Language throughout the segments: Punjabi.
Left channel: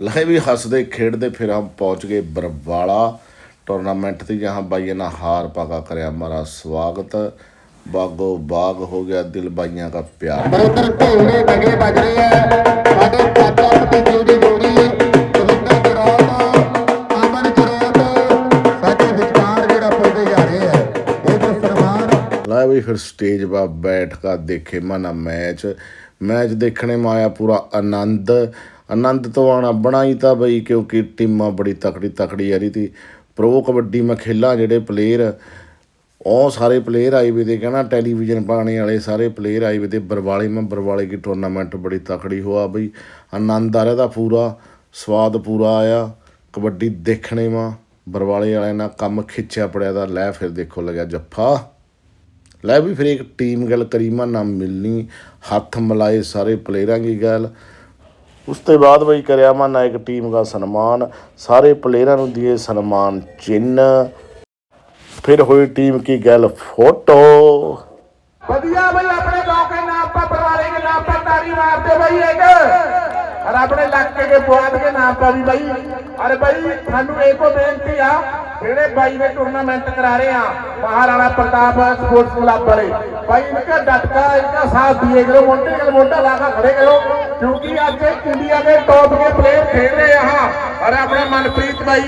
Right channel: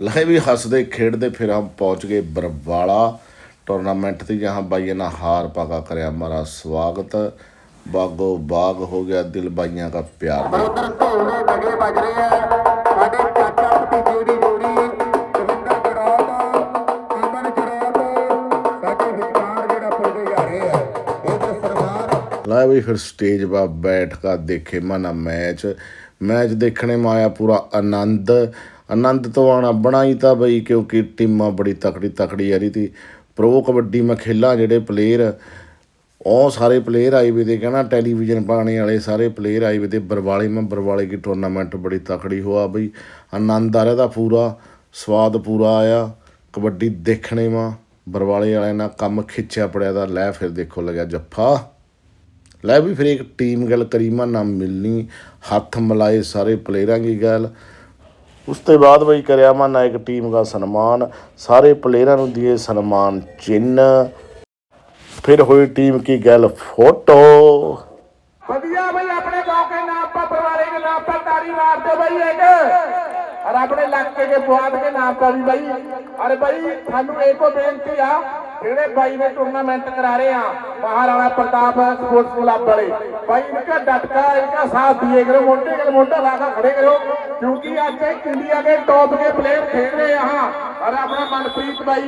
ਲੈ ਵੀ ਹੱਸਦੇ ਖੇਡਦੇ ਫਿਰ ਹਮ ਪਹੁੰਚ ਗਏ ਬਰਵਾਲਾ। ਟੂਰਨਾਮੈਂਟ ਤੇ ਜਹਾਂ ਬਾਈਆਂ ਨਾਲ ਹਾਰ ਪਾਗਾ ਕਰਿਆ ਮਾਰਾ ਸਵਾਗਤ। ਬਾਗੋ ਬਾਗ ਹੋ ਗਿਆ ਦਿਲ ਬਾਈਆਂ ਦਾ ਪਿਆਰ। ਲੈ ਵੀ ਫਿਰ ਸਟੇਜ 'ਤੇ ਬੈਠ ਕੇ ਦੇਖੇ ਮਨਾ ਮੈਚ। ਮੈਚ ਦੇਖਣੇ ਮਾਇਆ ਪੂਰਾ ਆਨੰਦ। ਆਨੰਦ ਤੋਂ ਆਣਾ ਬਣਾਈ ਤਾਂ ਬਈ, ਕਿਉਂਕਿ ਟੀਮਾਂ ਬੜੀ ਤਕੜੀ ਤਕੜੀ ਆ ਰਹੀ ਤੀ ਪ੍ਰੋ ਕਬੱਡੀ ਮੈਂ ਮਖੇਲਾ ਜਿਹੜੇ ਪਲੇਅਰ ਉਹ ਸਾਰੇ ਪਲੇਅਰ ਆਈ ਵੇ ਦੇ ਕਹਿਣਾ ਟੈਲੀਵਿਜ਼ਨ ਪਾਣੇ ਵਾਲੇ ਸਾਰੇ ਪਲੇਅਰ ਆਈ ਵੇ ਦੇ ਬਰਵਾਲੇ, ਮੈਂ ਬਰਵਾਲੇ ਕੀ ਟੂਰਨਾਮੈਂਟ ਬੜੀ ਤਕੜੀ ਹੋਆ ਬਈ। ਆਨੰਦ ਆ ਰਿਹਾ ਦਾ ਪੂਰਾ, ਸਵਾਦ ਪੂਰਾ ਆਇਆ। ਕਬੱਡੀ ਦੇਖਣੇ ਮਾ ਬਰਵਾਲੇ ਵਾਲਿਆਂ ਨਾਲ ਕੰਮ ਖਿੱਚਿਆ ਪੜਿਆ ਦਾ ਲੈ ਫਿਰ ਦੇਖੋ ਲੱਗਿਆ ਜੱਫਾ। ਲੈ ਵੀ ਫਿਰ ਇੱਕ ਟੀਮ ਗੱਲ ਕਰੀਮਾ ਨਾਮ ਮਿਲਣੀ, ਹੱਥ ਮਲਾਏ ਸਾਰੇ ਪਲੇਅਰਾਂ ਦੀ ਗੱਲ। ਉਸ ਤੋਂ ਬਾਅਦ ਬਈ ਕਰਿਆ ਮਾ ਨਾਇਕ ਟੀਮ ਦਾ ਸਨਮਾਨ, ਸਾਰੇ ਪਲੇਅਰਾਂ ਨੂੰ ਦਿਏ ਸਨਮਾਨ ਚਿੰਨ ਫਿਰ ਹੋਈ ਟੀਮ ਕੀ ਗੱਲ ਫੋਟੋ। ਵਧੀਆ ਬਈ, ਆਪਣੇ ਗਾਉਂ ਕੇ ਨਾਮ ਪਰ ਪਰਿਵਾਰੇ ਕੇ ਨਾਮ ਪਰ ਤਾਰੀ ਮਾਰਦੇ ਬਈ ਇੱਕ। ਔਰ ਆਪਣੇ ਲੱਕ ਕੇ ਪੁਆਦ ਕੇ ਨਾਮ ਪਰ ਵੀ ਬਈ। ਅਰੇ ਬਈ ਤੁਹਾਨੂੰ ਇੱਕੋ ਬੇਨਤੀ ਆ ਜਿਹੜੇ ਬਾਈ ਵੇ ਟੂਰਨਾਮੈਂਟ ਕਰਾ ਰਹੇ ਆ, ਮਹਾਰਾਣਾ ਪ੍ਰਤਾਪ ਸਪੋਰਟਸ ਕਲੱਬ ਬਾਰੇ ਬਾਈ ਇਨਕਾ ਡਟਕਾ ਇਨਕਾ ਸਾਥ ਦਿਏ ਕਰੋ ਮੋਟੇ ਗਲ ਮੋਟਾ ਲਾ ਕੇ ਖੜੇ ਕਰੋ, ਕਿਉਂਕਿ ਅੱਜ ਇੰਡੀਆ ਦੇ ਟੌਪ ਦੇ ਪਲੇਅਰ ਖੇਡ ਰਹੇ ਆ ਔਰ ਆਪਣਾ ਮਨਪ੍ਰੀਤ ਬਾਈ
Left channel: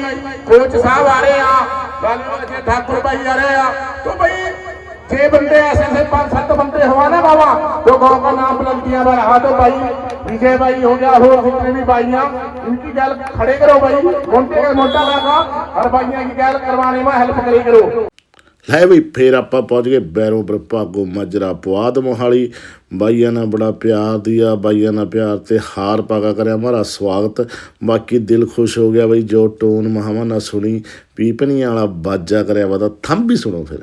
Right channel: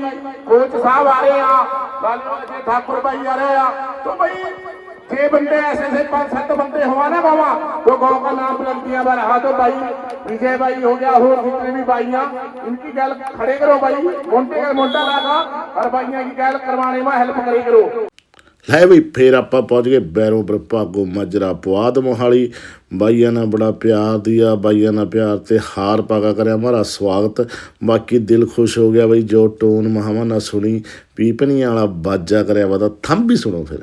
ਕੋਚ ਸਾਹਿਬ ਆ ਰਹੇ ਆ। ਬਾਲੂ ਅਜੇ ਠਾਕੁਰ ਬਾਈ ਆ ਰਹੇ ਆ। ਤੋ ਬਾਈ छह बंदे ऐसे से पांच सत बंदे हुआ ना बाबा तो गांव का नाम बुलंदियां पर रहा तो भाई विजय भाई हो गया हो जितने भी भाइया इनकी गल खड़े करो भाई मोटे का मोटा लगा ਹਰ ਬਾਈਆਂ ਕੀ ਲੈ ਵੀ ਫੇਰ ਆਪਾਂ ਪਹੁੰਚ ਗਏ ਬੈਰੋਂ ਪਰ ਭਾਗੋ ਮਜਰਾ ਪੁਆਦ ਮੋਹਾਲੀ। ਬਾਈਆਂ ਨਾਲ ਬੜਾ ਪਿਆਰ ਦਿਆ ਬਾਈਆਂ ਨਾਲ ਪਿਆਰ ਤੇ ਹਾਰ ਪਾਗਾ ਕਰਿਆ ਮਾਰਾ ਸਵਾਗਤ। ਬਾਕੀ ਦਿਲ ਖੁਸ਼ ਹੋ ਗਿਆ ਬਈ ਜੋ ਟੋਨ ਮਹਾਵਾ ਨਾ ਸੁਣੀ ਪੀਪਣੀ ਵਾਲਾ ਬਾਜਾ ਕਰਿਆ ਵਾ ਤਾਂ ਥੰਮ ਵੀ ਸੁਣੋ ਫਿਰ।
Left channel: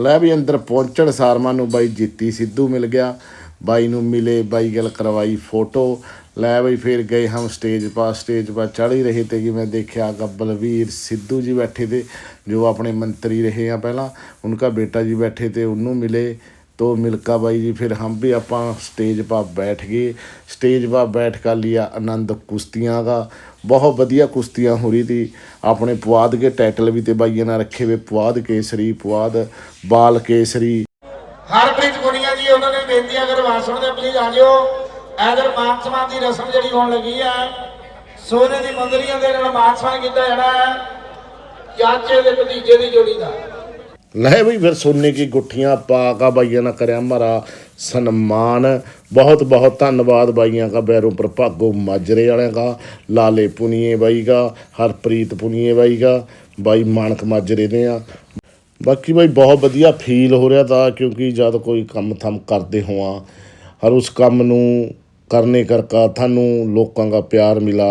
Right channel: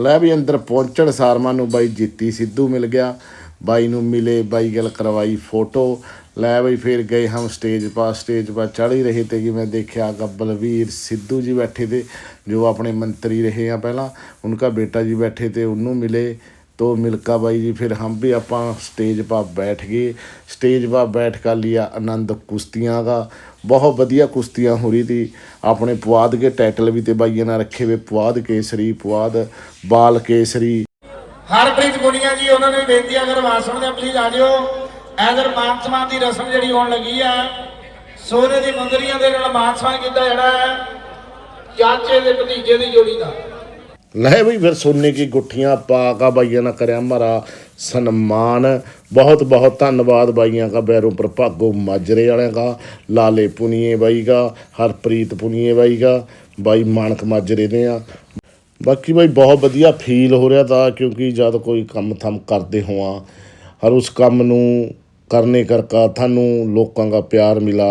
ਲੈ ਵੀ ਅੰਦਰ ਪਹੁੰਚਣ, ਸਾਰਮਾ ਨੂੰ ਬਾਈ ਜੀਤੀ ਸਿੱਧੂ ਮਿਲ ਗਿਆ। ਬਾਈ ਨੂੰ ਮਿਲੇ, ਬਾਈ ਗੱਲ ਕਰਵਾਈ ਫੋਟੋ। ਲੈ ਬਈ ਫਿਰ ਗਏ ਹਮ ਸਟੇਜ ਪਾ ਸਟੇਜ ਪਾ ਚੜ ਹੀ ਰਹੇ ਤੇ ਕਿ ਮੈਂ ਦੇਖਿਆ ਗੱਬਲਵੀਰ ਸਿੱਧੂ ਜੀ ਬੈਠੇ ਤੇ ਜੋ ਆਪਣੇ ਮੰਤਰੀ ਰਹੇ ਆ ਪਹਿਲਾਂ। ਉਨਕਾ ਬੇਟਾ ਜੀ ਬੈਠੇ ਤੇ ਉਹਨੂੰ ਮਿਲੇ। तो मिल्का भाई जी फिर हम भी अपा स्टेज पर बैठ गए स्टेज पर बैठ कर लिया आनंद कुश्तियाँ का बहुत बढ़िया कुश्तियाँ हो रही थी अपने पुआद के टाइटल भी थे भाइयों ने रखे हुए पुआद केसरी पुआद बाल केसरी ਹਰਪ੍ਰੀਤ ਗੁਨੀਆ ਜੀ ਉਹਨਾਂ ਨੇ ਬੇਨਤੀ ਆ, ਅਗਰ ਆਵਾਜ਼ ਸੁਣਦੇ ਪਲੀਜ਼ ਆ ਜਿਓ ਐਦਰ ਮਾਨ ਸਨਮਾਨ ਦੀ ਰਸਮ ਜਿਹੜੀ ਹੋਣ ਲੱਗੀ ਆ ਸੋਨੇ ਦੀ ਮੁੰਦਰੀਆਂ ਦੇ ਨਾਲ ਮਾਨ ਸਨਮਾਨ ਕੀਤਾ ਜਿਹੜਾ ਹੈ ਚਾਚੇ ਦੇ ਭਤੀਜੇ ਦੀ ਜੋੜੀ ਦਾ ਲੈ ਬਈ ਫਿਰ ਸੋਨੇ ਕੀ ਗੁੱਠੀਆਂ ਪਾ ਕਾ ਬਾਈਆਂ ਨਾ ਕਰਿਆ ਮਾਰਾ ਸਨਮਾਨ। ਬਹੁਤ ਬਹੁਤ ਧੰਨਵਾਦ ਬਾਈਆਂ ਦਾ ਬੈਰੋਂ ਪ੍ਰਭਾਗੋ ਮਾਜਰੇ ਵਾਲਿਆਂ ਦਾ ਲਾਲੇ ਪੁਨੀਏ ਬਾਈ ਦਾ ਹਰਪ੍ਰੀਤ ਪੁਨੀਏ ਬਾਈ ਦਾ ਬਾਈ ਮਾਨਕ ਮਾਜਰੇ ਦੇ ਆ। ਬਾਕੀ ਬਾਈ ਬਹੁਤ ਵਧੀਆ ਫੀਲ ਹੋ ਰਿਹਾ ਤਾਂ ਕਿਉਂਕਿ ਜਦ ਕੋਈ ਕੰਮ ਥਮ ਕਰਦੇ ਹੋਵਾਂ, ਹਰ ਉਸ ਕੰਮ ਨੂੰ ਕਰਨੇ ਕਰਕਾ ਤੁਹਾਨੂੰ ਲੋਕਾਂ ਦਾ ਪਿਆਰ ਮਿਲਾ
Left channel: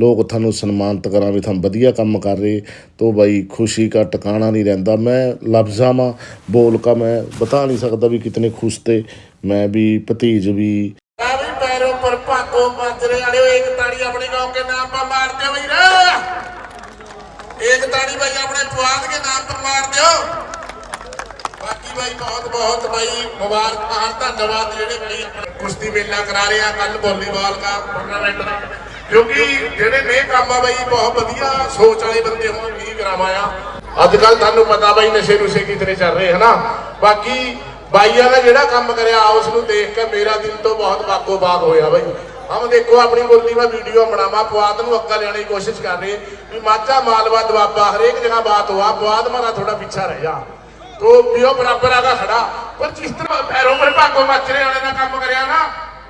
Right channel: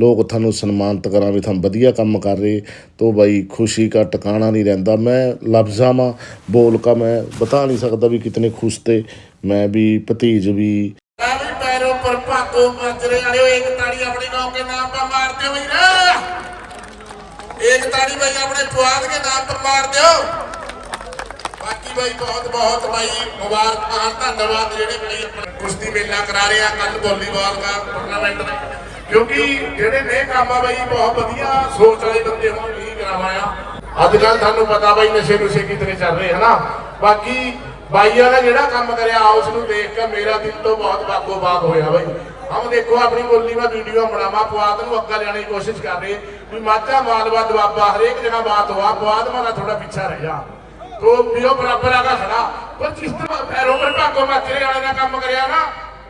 ਲੋਕ ਤੁਹਾਨੂੰ ਸਨਮਾਨਿਤ ਕਰਾਂ ਵੀ ਤੁਹਾਨੂੰ ਵਧੀਆ ਕੰਮ ਕਰ ਰਹੇ ਤੋ ਭਾਈ ਖੁਸ਼ੀ ਦਾ ਟਿਕਾਣਾ ਨਹੀਂ ਰਹਿੰਦਾ ਮੈਂ ਲਫ਼ਜ਼ਾਂ ਮਾ ਬੋਲ ਕਾ ਮੈਂ ਬਤਾ ਨਹੀਂ ਸਕਦਾ ਵੀ ਕਿਤਨੇ ਖੁਸ਼ ਤੇ ਮੈਂ ਵੀ ਭਤੀਜ ਵੀ ਆ ਵੀ ਪੈਰੋਂ ਪਰ ਭਾਗੋ ਮਾਜਰੇ ਵਾਲੇ ਇੱਕ ਤਾੜੀ ਆਪਣੇ गांव के नाम पर मार दो भैया एक ताड़ी भाई अपने पुआद के नाम पर मार दो ਬਾਕੀ ਬਹੁਤ ਬਹੁਤ ਬਾਈ, ਮੁਬਾਰਕਾਂ ਧੰਨਵਾਦ ਜਿਹੜੇ ਭਾਈ ਕੁਸ਼ਤੀ ਮੇਲਾ ਕਰਾ ਰਹੇ ਆ ਕੱਲ ਵਾਲੀਬਾਲ ਦਾ ਟੂਰਨਾਮੈਂਟ ਕਿਉਂਕਿ ਜਿਹੜੇ ਨੇ ਕੰਮ ਆ ਭਾਈ ਬਹੁਤ ਵਧੀਆ ਸੋਚ ਵਾਲੇ ਬੰਦੇ ਹੋਣ ਵੀ ਕਰਾਵਾਂ ਅੱਜ ਕੱਲ ਤੁਹਾਨੂੰ ਪਤਾ ਭਾਈ ਨਸ਼ੇ ਨੁਸ਼ੇ ਕਿਤਨੇ ਚੱਲ ਰਹੇ, ਹਨਾ? ਬਾਕੀ ਬਾਈਆਂ ਨੇ ਜਿਹੜਾ ਕੰਮ ਕਰਿਆ ਉਸ ਨੂੰ ਦੇਖ ਕੇ ਮੇਰਾ ਦਿਲ ਤੋਂ ਬਹੁਤ ਵਾਕੋ ਬਾਗ ਹੋਇਆ ਬਾਈ। ਹਮ ਦੇਖੋ, ਆਪਣੀ ਮੁਰਲੀ ਮੈਂ ਵੀਡੀਓ ਬਣਾਵਾ ਪੁਆਤ ਨੂੰ ਅੱਗਾ ਲੈਣ ਦੀ ਕੋਸ਼ਿਸ਼ ਕਰ ਰਹੇ, ਵੀ ਮਾਝਾ, ਮਾਲਵਾ, ਦੁਆਬਾ, ਹਰੇਕ ਜਗ੍ਹਾ ਬਾਤ ਹੋਆ ਪੁਆਤ ਮਾਰਾ ਥੋੜਾ ਪਿੱਛਾ ਰਹਿ ਜਾ। ਤੋ ਪਿਓ ਬਰਾਬਰ ਆਗਾ ਖੜਾ ਪਰ ਜਿਸ ਤਰ੍ਹਾਂ ਪੈਰੋਂ ਪਰ ਭਾਗੋ ਮੱਚਰੇ ਵਾਲੇ ਦਾ ਕੰਮ ਕਰਿਆ ਨਾ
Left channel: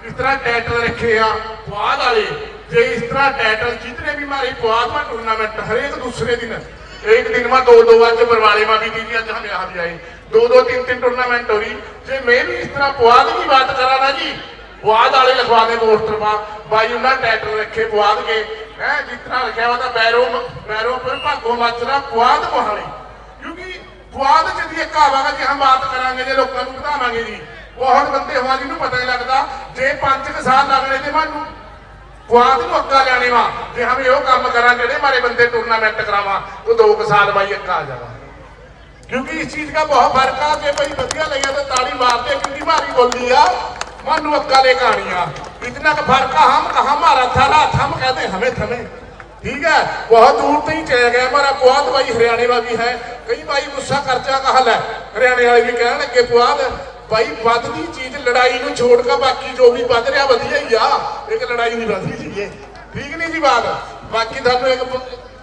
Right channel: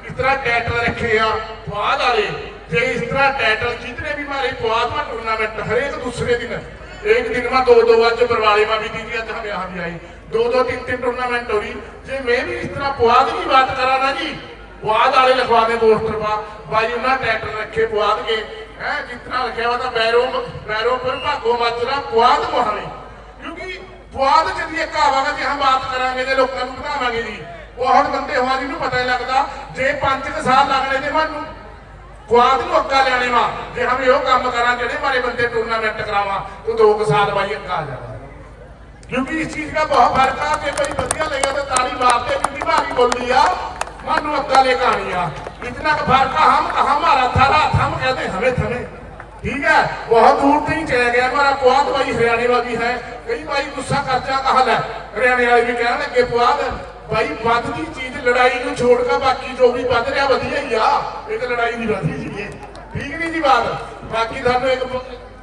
ਇਸ ਤਰ੍ਹਾਂ ਟੈਟਲ ਰੱਖੇ ਆ ਪੁਆਧ ਵਾਲੇ ਤੇ ਇਸ ਤਰ੍ਹਾਂ ਟੈਟਲ ਜਿਤਨੇ ਵੀ ਮਾਰੇ ਪੁਆਧ ਮਾ ਟੂਰਨਾਮੈਂਟ ਹਰੇਕ ਦੂਸਰੇ ਦਿਨ एक दिन में दो दो आज बरवाले में भी दीदी आज हम यहाँ भी आए दो दो तीन तीन टूर्नामेंट हो रही जे मैं भी इस तरह पुआध की बात करा ना जी पुआध वाले लिखवा दे पोस्टर में भाई उन्हें टाइटल रखे पुआध के है जितना लिखा हुआ था बैरो बैरो पर भागो माजरा पुआध मोहाली क्योंकि ਪੁਆਧ ਚ ਦੀ ਇੱਕ ਕਹਾਵਤ ਹੈ ਕਿ ਹਮ ਬਾਤ ਕਰਾਂਗੇ ਜੇ ਲੋਕਾਂ ਨੂੰ ਪੜਾਵਾਂਗੇ ਜੀ ਬਹੁਤ ਬੰਦੇ ਹੋਵਾਂ ਜਿਹਨੂੰ ਪਤਾ ਨਹੀਂ ਲੱਗਦਾ ਜੇ ਪੰਜ ਕੁ ਸਾਲ ਲੱਗਣੇ ਤੇ ਮੈਨੂੰ ਕੁਆਦ ਨੂੰ ਅੱਗਾ ਲੈਣੇ ਵਾ ਜੇ ਹਮ ਇਹੋ ਕੰਮ ਕਰਾਂ ਜਿਹੜੇ ਮਾਰੇ ਬੰਦੇ ਟੂਰਨਾਮੈਂਟ ਕਰਾਵਾਂ तो दो के साल भाई ਅੱਗਾ ਆ ਜਾਣਾ क्योंकि इस चीज का बहुत फर्क है कि भाई बढ़िया लगे तो ताड़ी मारते क्योंकि भारी बोली आ मन अक्का ले कहानियां इतना का फर्क है हम हमारा था रात हम कहते हमें थमे ठीक है बहुत दूर नहीं चले गए हमारा पुआध भाई हरियाणा में भी है कई भाई गुस्सा खर्चा का हल है हरियाणा वाले भी कहने लगे पुआध भाई ਵੱਧਦੀ ਚੀਜ਼ ਲੜਾਈ ਨੂੰ ਛੋੜ ਕੇ ਬਾਕੀ ਜੋ ਵੀ ਵੱਧ ਰਿਹਾ ਵਧੀਆ ਹੀ ਆ ਇੱਕ ਲੜਾਈ ਨਹੀਂ ਵੱਧਦੀ ਜੀ ਠੀਕ ਨਹੀਂ ਜੀ ਬਾਤ ਬਾਕੀ ਤੁਹਾਨੂੰ ਇੱਕ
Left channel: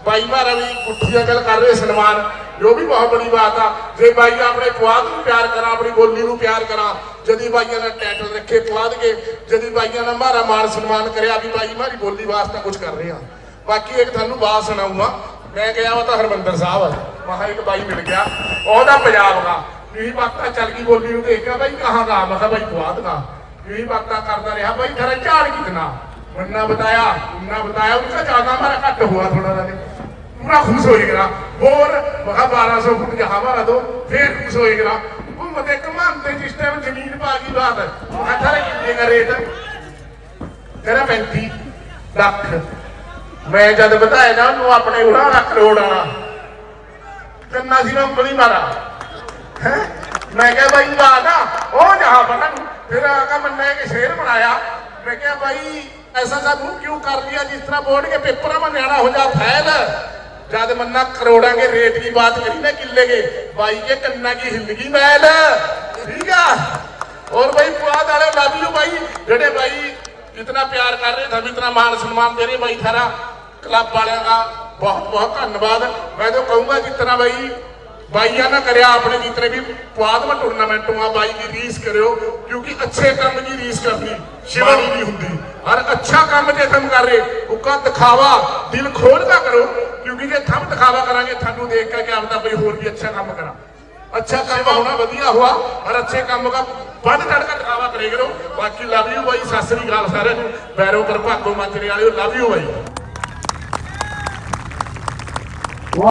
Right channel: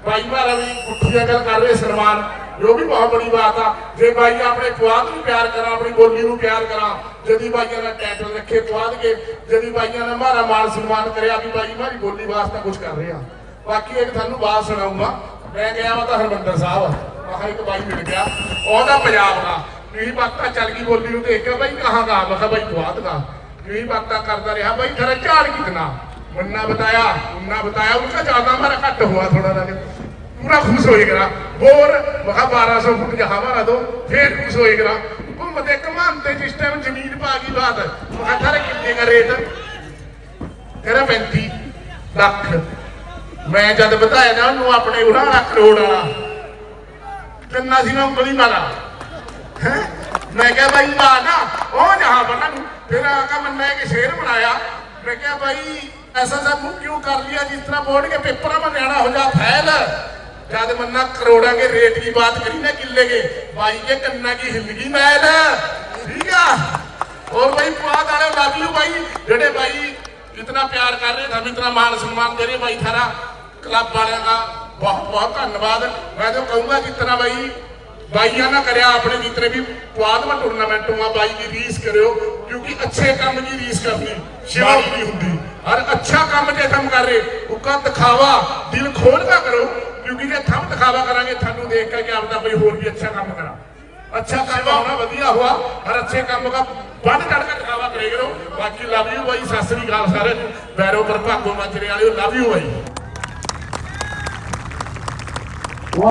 ਭਾਈ ਮਾਰਾ ਵੀ ਪੁੱਠੀਆਂ ਗੱਲ ਕਰ ਰਹੇ ਸਨਮਾਨ ਜੋ ਵੀ ਬਹੁਤ ਬੜੀ ਬਾਤ ਆ ਜੇ ਭਾਈ ਆਪਣੇ ਪੁਆਧ ਨੂੰ ਪਿਆਰ ਕਰਾਂ ਆਪਣੀ ਬੋਲੀ ਨੂੰ ਪਿਆਰ ਕਰਾਂ ਜਦੀ ਭਾਈਆਂ ਦਾ ਟਾਈਟਲ ਰੱਖੇ ਪੁਆਧ ਕੇ ਜਦੀ ਭਾਈਆਂ ਦਾ ਮਾਰਾ ਮਾਨ ਸਨਮਾਨ ਕਰਿਆ ਵੀ ਭਾਈ ਮਾਰੀ ਬੋਲੀ ਵਾਸਤੇ ਕੁਝ ਕਰ ਰਹੇ ਆ ਬਾਕੀ ਇੱਕ ਤੁਹਾਨੂੰ ਬਾਤ ਸੁਣਾਉਂਦਾ ਮੈਂ ਗਿਆ ਵਾ ਤਾਂ ਹਰਮੰਦਰ ਸਾਹਿਬ। ਮਹਾ ਇੱਕ ਬਾਈ ਮਿਲ ਗਿਆ। ਉਹਦਾ ਪੰਜਾਬ ਦਾ। ਵੀ ਬਾਤਾਂ ਚੱਲ ਗਈ ਬੋਲੀ ਨੂੰ ਦੇਖਿਆ ਬਾਈ ਕਹਾਂ ਦਾ? ਮੈਂ ਕਿਹਾ ਬਾਈ ਦੁਆਦ ਦਾ। ਵੀ ਬਾਤਾਂ ਕਰਦਾ ਰਿਹਾ। ਬਾਈ ਖਰਾ ਝਾੜ ਕਿਤਨਾ ਮੰਨਾ ਬਤਾਇਆ ਮੰਨਾ ਬਤਾਇਆ। ਉਹਦਾ ਜ਼ਿਆਦਾ ਮਾਰਾ ਘੱਟ ਹੋਆ ਥੋੜਾ ਜਿਹਾ ਪੂਰਾ ਖੁਸ਼ ਹੋਈ ਗਰਾ ਹੋਰ ਮਹਾ 1200 ਫੁੱਟ ਜਹਾ ਮਾਰਾ ਦੋ। ਫੇਰ ਖੁਸ਼ ਹੋਈ ਗਰਾ ਘੁੰਮਦੇ ਘਮਾਂਦੇ ਜਿਸ ਟਾਈਮ ਜ਼ਮੀਨ ਪਾ ਗਈ ਬਾਤ। ਅਠਾਰੇ ਕਿੰਨੇ ਦਾ ਰੇਟ। ਤੇਰਾ 35 ਲੱਖ। ਮੈਂ ਜਦ ਬਤਾਇਆ ਨਾ ਉਹਨੂੰ ਆਪਣੇ ਉਹਨਾਂ ਕਰੋੜ ਵਾਲਾ ਕਿੰਨਾ ਸੀ ਨਾ ਉਂਗਲੀ ਮਾਰਾ ਹੈਂ? ਮੈਂ ਕਿਹਾ ਭਾਈ ਆ ਨਾ ਉਹ ਜਹਾ ਬਣਾ ਨੂੰ ਫਿਰ ਆਗਾ ਮੰਨਾ ਕਿ ਸ਼ੇਰ ਬਣਾਇਆ ਮੈਂ ਕਿਹਾ ਭਾਈ ਐਸਾ ਸਭ ਕਿਉਂ ਕਰ ਲਿਆ ਜਿਸ ਤਰ੍ਹਾਂ ਬੋਰਡ ਕੇ ਪੇਪਰਾਂ में ਨਿਆਣਾ ਹੋ ਜਾ ਫੈਲ ਜਦ ਮੰਨਾ ਕਰੋੜਾਂ के रेट की बात करी ना किले के भाई के कन्ना की हिंदगी मैल ठीक है और भाई पुआध वाले लव यू भाई जेडे भाई इतना प्यार कर रहे हम इतना मान सम्मान दे रहे भाई थारा क्लब वाले का बहुत बहुत धन्यवाद मैं तो कहूंगा जितना भाई ਬਾਈਆਂ ਨਾ ਕਰਿਆ ਆਪਣੇ ਜਿਤਨੇ ਵੀ ਪੁਆਧਵਾ ਟੂਰਨਾਮੈਂਟ ਹੁਆ ਬਾਈ ਦੀ ਰੀਸ ਕਰਿਓ ਕਿਉਂਕਿ ਅੱਛੇ ਕੰਮ ਦੀ ਰੀਸ ਕਰਨੀ ਸ਼ਿਵਾਨੀ ਦੀ ਹੁੰਦੀ ਔਰ ਅੱਛਾ ਕੰਮ ਜੇ ਤੁਮ ਕਰ ਰਹੇ ਉਕਾ ਦਿਖਾਵਾ ਦਿਲ ਖੋਲ ਕੇ ਕਰੋ ਕਿਉਂਕਿ ਜੇ ਥਮ ਦਿਖਾਵਾ ਕਰਾਂਗੇ ਤੁਹਾਨੂੰ ਦੇਖ ਕੇ ਕਿ ਆਪਦਾ ਕੋਈ ਹੋਰ ਵੀ ਅੱਛਾ ਕੰਮ ਕਰਾਂ अच्छा काम होना बढ़िया हुआ और अच्छे काम का बढ़ चढ़ कर दिखावा करेगा बाकी लव यू भाई सत श्री अकाल सारे भैरव पर भागो मंजरे वाले लव यू भाई